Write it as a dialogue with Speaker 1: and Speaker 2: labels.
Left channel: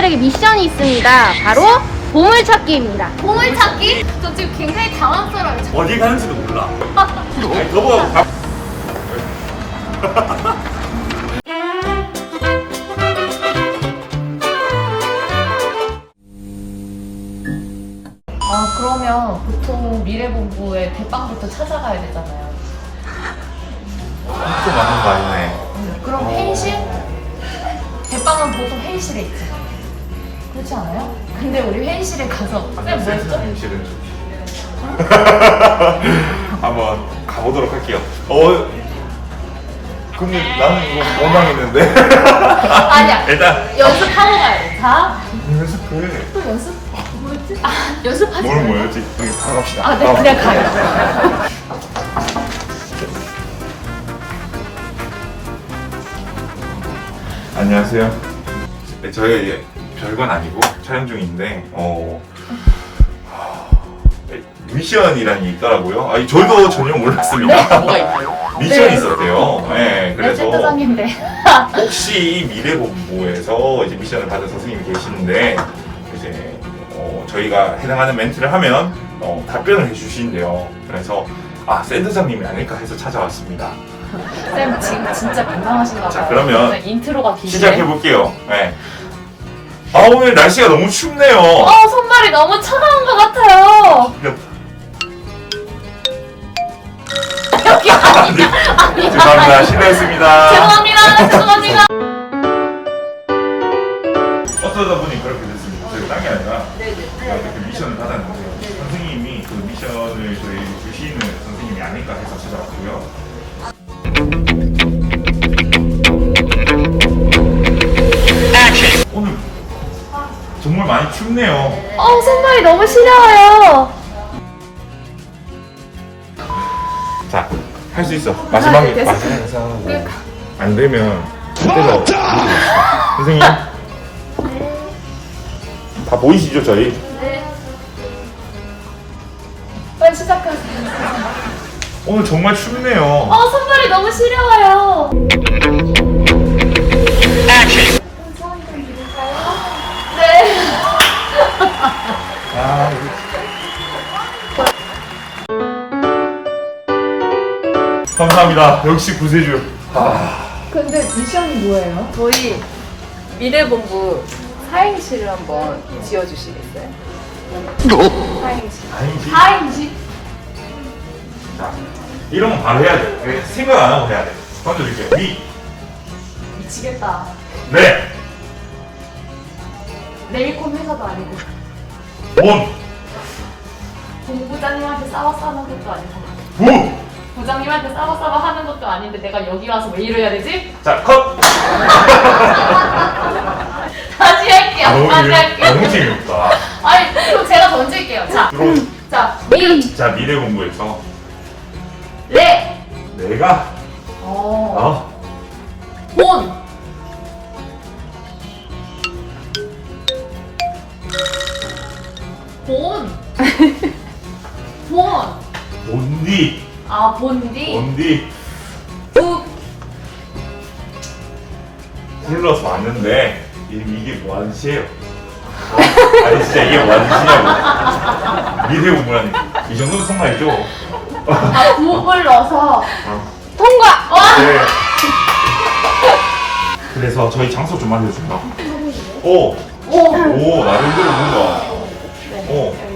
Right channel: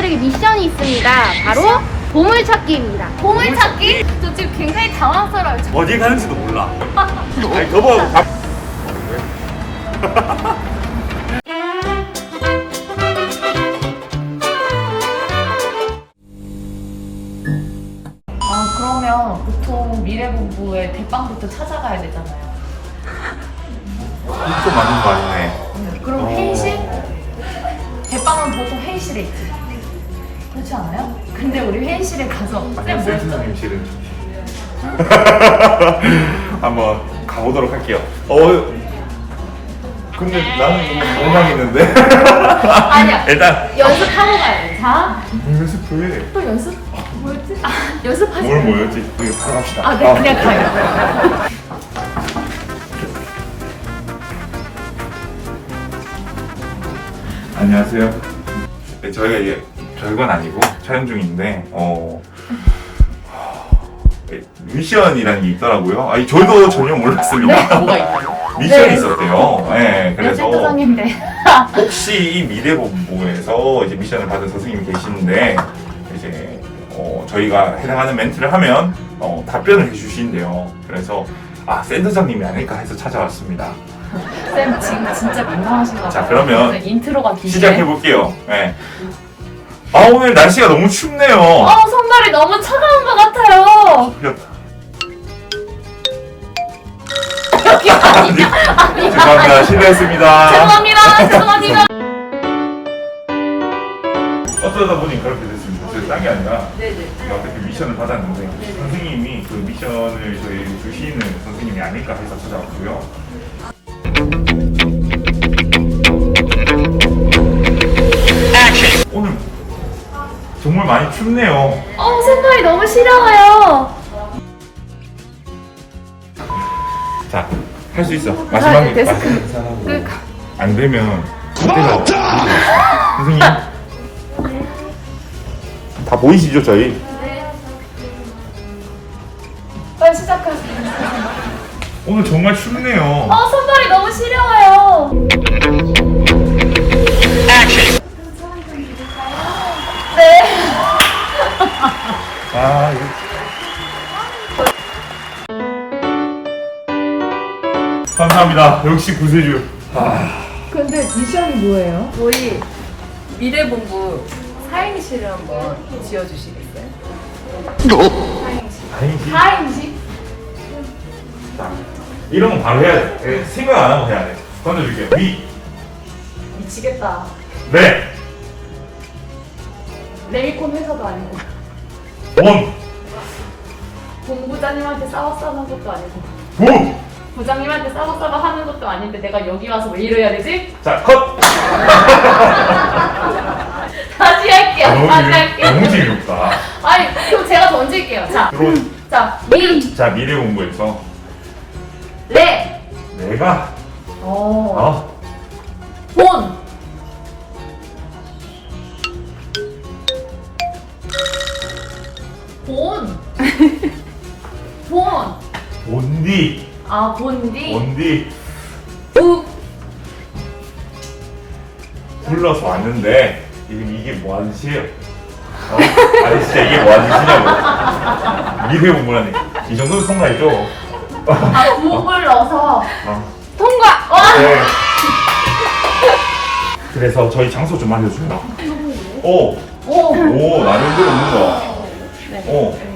Speaker 1: 여러분들에게 미션이 있습니다. 바로 보물찾기입니다. 보물찾기? 저 지금 굉장히 당황스러워요.
Speaker 2: 어디 가는지도 몰라. 아니, 저거 밥.
Speaker 3: 그러면 보통 미래본부의 대빵부터 찾아가야 되잖아요.
Speaker 2: 또 많은 거 아니네.
Speaker 3: 그럼 회의실? 대빵은 보통 회의실에 있지. 그렇지 않아요? 근데 우리 회의실에 가서 쌤 뭐 했어?
Speaker 2: 선생님 실은 좋지. 한번 가보도록 할게요. 근데 나는 이거 못 당했는데.
Speaker 3: 아니야.
Speaker 2: 일단
Speaker 3: 연습하고 가야 돼. 자,
Speaker 2: 연습해.
Speaker 3: 또 연습? 뭐였지? 연습하지.
Speaker 2: 뭘 뭐였지? 우리 바로 갑시다.
Speaker 3: 아, 네, 그냥 가요.
Speaker 2: 안녕하세요. 네, 저희가 이제 별건 아니고 촬영 중인데 미션이라는 게 있더라고요. 저희도 전혀 몰랐습니다. 미션이
Speaker 3: 네.
Speaker 2: 있었대요. 네, 그래서
Speaker 3: 센터장인데.
Speaker 2: 혹시 이 미래본부에서 이제 미션을 받은 선생님이 계시는데 이제 저희가 해당하는 멘트를 하면 답변을 해주신대요. 그래서 센터장님이 아닐까 해서 찾아왔습니다.
Speaker 3: 쌤 지금 진짜 민감하신가 봐요.
Speaker 2: 자, 그러면
Speaker 3: 진짜 인트로가 기네.
Speaker 2: 시작해 볼게요. 네. 오늘 날씨가 너무 춥네요.
Speaker 3: 손발이 너무 차가운 것 같아요. 여기 아니야.
Speaker 2: 죄송합니다. 실례했습니다.
Speaker 3: 죄송합니다.
Speaker 2: 어쩌다 보니 그렇게 됐습니다. 저희 딴 게 아니라
Speaker 3: 네네.
Speaker 2: 어떻게 미션을 받았는데 선생님이 그 미션을 저희 주시는 선생님이 아닐까 해서 찾아왔고요. 오늘 정말 많이 춥네요.
Speaker 3: 손발이 너무 시려워요.
Speaker 2: 자, 할 수 있어. 마지막에
Speaker 3: 됐어.
Speaker 2: 마지막에 안 되면 그때가 선생님 다 보이시죠 저희?
Speaker 3: 네. 빨리 시작하세요.
Speaker 2: 오늘 정말 춥네요.
Speaker 3: 손발이 너무 시려워요. 네.
Speaker 2: 감사합니다. 역시 구세주.
Speaker 3: 근데 미션이 뭐예요?
Speaker 4: 저희 미래본부 사행시를 한번 지어주시겠어요?
Speaker 2: 아니지.
Speaker 3: 다행이지.
Speaker 2: 자, 이런 건 바로 해야 돼. 생각 안 하고 해야 돼. 던져줄게요.
Speaker 3: 미치겠다.
Speaker 2: 네.
Speaker 3: 네일콘 회사도 아니고 본부장님한테 싸워싸는 것도 아니고 부장님한테 싸워싸워 하는 것도 아닌데 내가 여기 와서 왜 이래야 되지?
Speaker 2: 자, 컷.
Speaker 3: 다시 할게요. 다시 할게요.
Speaker 2: 너무 재미없다.
Speaker 3: 아니, 그럼 제가 던질게요. 자,
Speaker 2: 들어오. 자, 미래공부에서
Speaker 3: 네.
Speaker 2: 내가
Speaker 3: 본. 본.
Speaker 2: 뭔디
Speaker 3: 본디.
Speaker 2: 뭔디
Speaker 3: 부.
Speaker 2: 불러서 왔는데 이게 뭐 하는 짓이에요? 아니 진짜 이게 뭐 하는 짓이냐고. 미래공부라니 이 정도면 통과했죠.
Speaker 3: 부을 넣어서 통과. 와.
Speaker 2: 네. 그래서 저희 장소 좀 알려줘요. 오, 나름대로 있는 거.